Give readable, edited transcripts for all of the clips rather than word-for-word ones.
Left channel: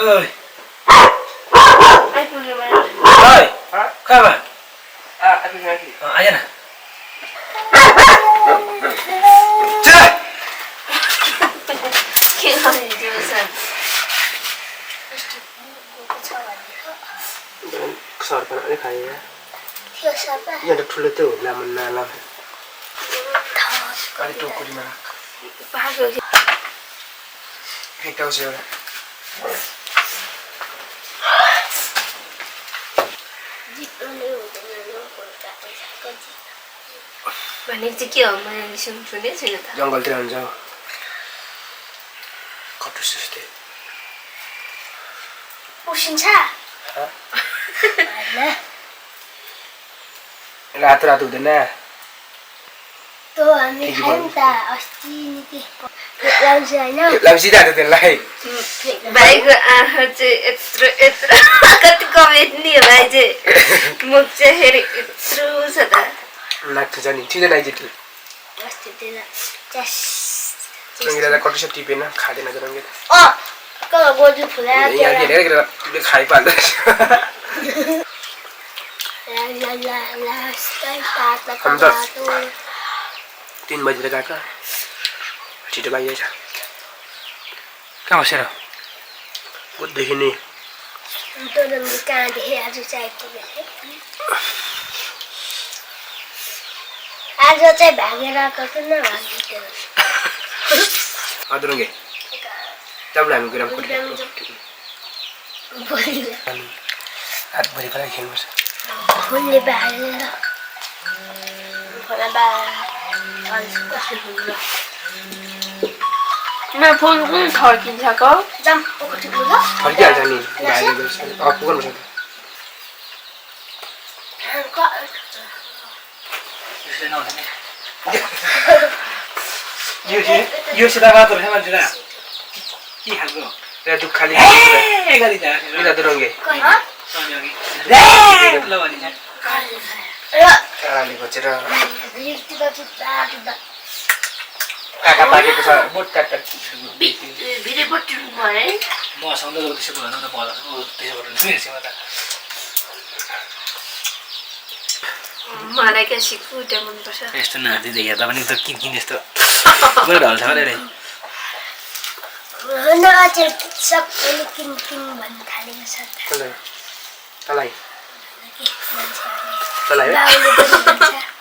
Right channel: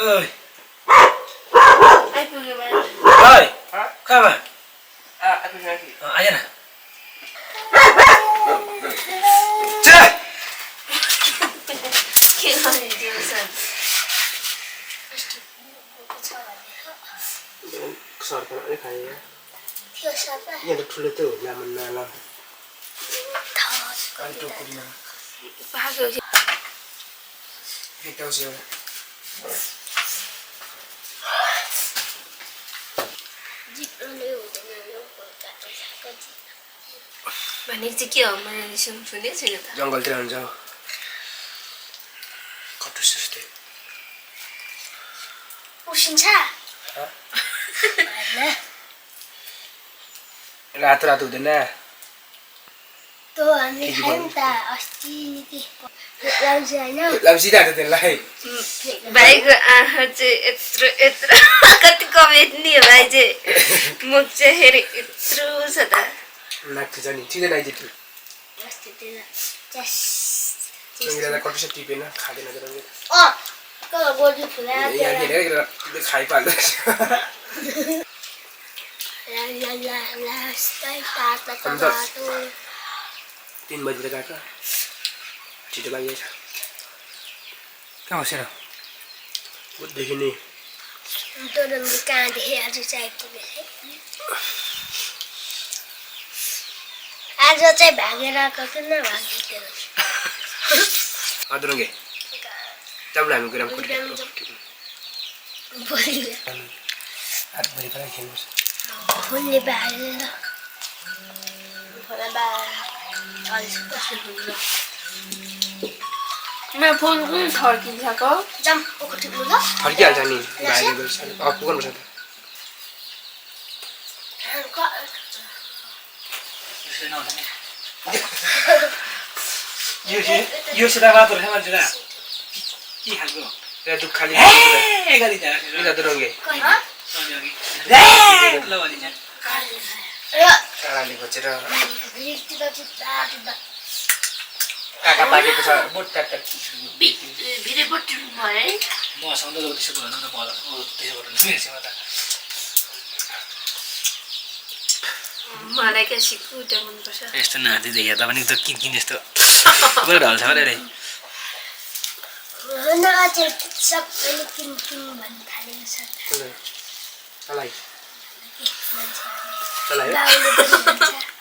Ơi. Ơi. Kau apa? Aku ngerti. Aja na. Cerai. Kesar kan ini kayaknya. Dia siapa? Yang ada dulu tuh, lama. Kali tu kau di mana? Bagus. Hei tahu siapa? भने चाहिँ के हो मैले सुनेको छैन त जङ्गलतिर हुन्छ कटुस जस्तै उसिन्छ रातो रातो हुँदैन त्यो हामी खायौँ त अस्ति नि लाउँछ होइन लाउँछ त त्यसलाई भाइको आँखा चाहिँ यत्रो कति कमेट्ने हो भाइ चाहिँ मुख चाहिँ फेरि यत्रो छ त लाग्छ नि ठिँदैन आइजेटी अस्ति त्यसलाई रङ्गिला कटुस टिपेन खाँदैन रङ्गिला गोजु फुलायो यहाँ हेरेर खाइपाल्दो रहेछ 3 बजेर गएको छिटो बाहिर कहाँ बसेर बुझ्दैछु नि कहाँदेखि आज चाहिँ आइपुगेछ आज चाहिँ भागेर आएको कि नभागेको अदुरङ्गे जाउँला हामी ग्राम भोलि पनि खेल्नुपर्छ फुलले भागेर मैं फोन कुन थर्किन्छको जाम पोखरी पुग्यो फर्किहाल्छ नि पुग्नुपर्छ यो सिधा मात्र रहेछ मान्छे के खालको त्यहाँ दुख खाली काराले खोजेर काका पाकेको छ बोट काट्टा भिडियो बट्टिनु भयो म सधैँ त्यसो भएन त बल त्यसो गर्नु सुनेको त मलाई क्या सिकुटे मनपर्छ यस्तो नाति देखे पनि त किन यस्तो गएर हल्छ अरे न अचेल सबैले किन भन्नु थालेको छ तलाई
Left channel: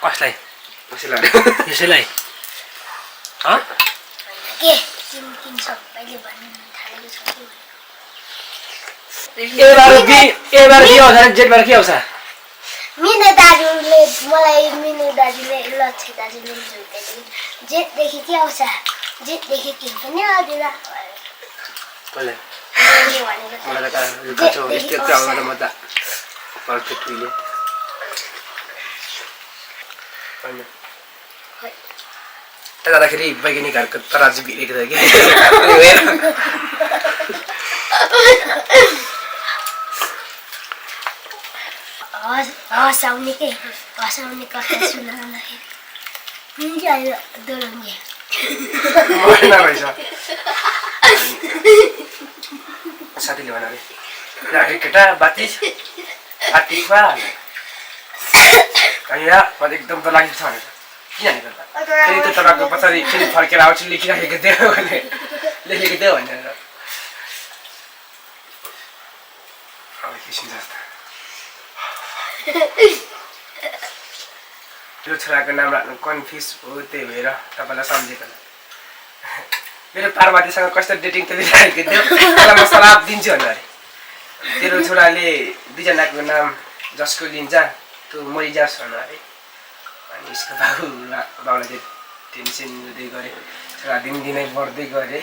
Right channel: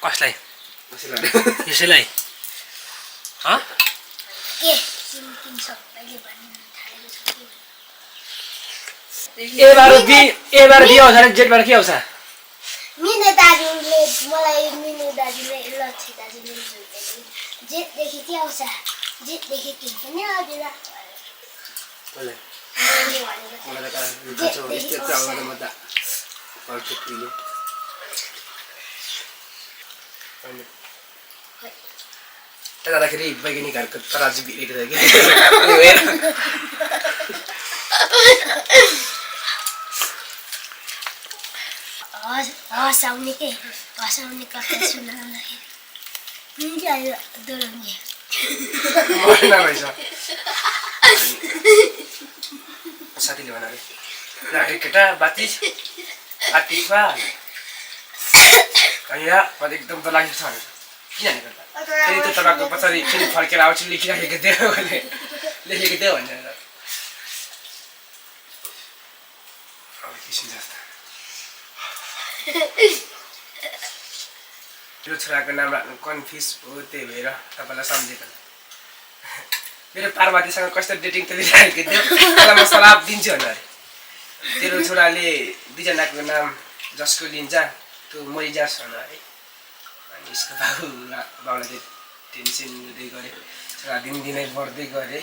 कसलाई यसैलाई के किन सबैले भन्नु थालेको छ एबार के आउँछ जेठबाट के आउँछ मिने दाजुले मलाई मिने दाजुले लक्ष्मी दाजुले जेठदेखि के आउँछ जेठदेखि किन पनि आउँदैन मलाई त यस्तो आउँदैन म त पर्फेक्टली जाँदाखेरि वैज्ञानिकहरूको तराजु भिडेको थियो कि हँसाउने कथा सुनाउँदाखेरि आयो दोलङ्गे साथीले भन्यो अरे केटा बाती आतिफा एकदम त लागेको छ भनेर किन फेरि त तपाईँको पछाडि फेरि फर्केर आउँछु लेखिराखेको थियो भने लेखेको थियो भनेर अब किसिम जस्तो यो छोराको नाम राख्नु कन्फ्युज हो त्यही भएर तपाईँलाई सम्झेको मेरो पार्वतीसँग कस्तो डेटिङ चलिरहेको थियो मलाई म सलाह दिन्छु भने अरे तेरो छोराले दुईजनाको नाम जसको लिन्छ त्यो मरिजास् भन अरे अनि यसको बाउलाई चाहिँ टेन्सन हुँदै गरे छोरा दिनदिनै बढ्दै गरे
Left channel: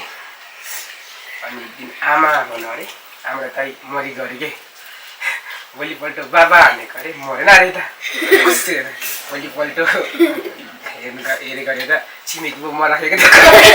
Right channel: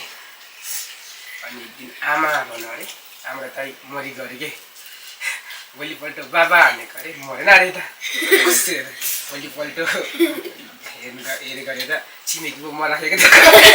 अनि दिन आमा भन्नु अरे हाम्रो दाइ मरि गऱ्यो के भोलिपल्ट बाबा भनेको अरे मरेन अरे त कस्तो हेर भोलिपल्ट हेरे गरेर छिमेकी पो मराखेको थियो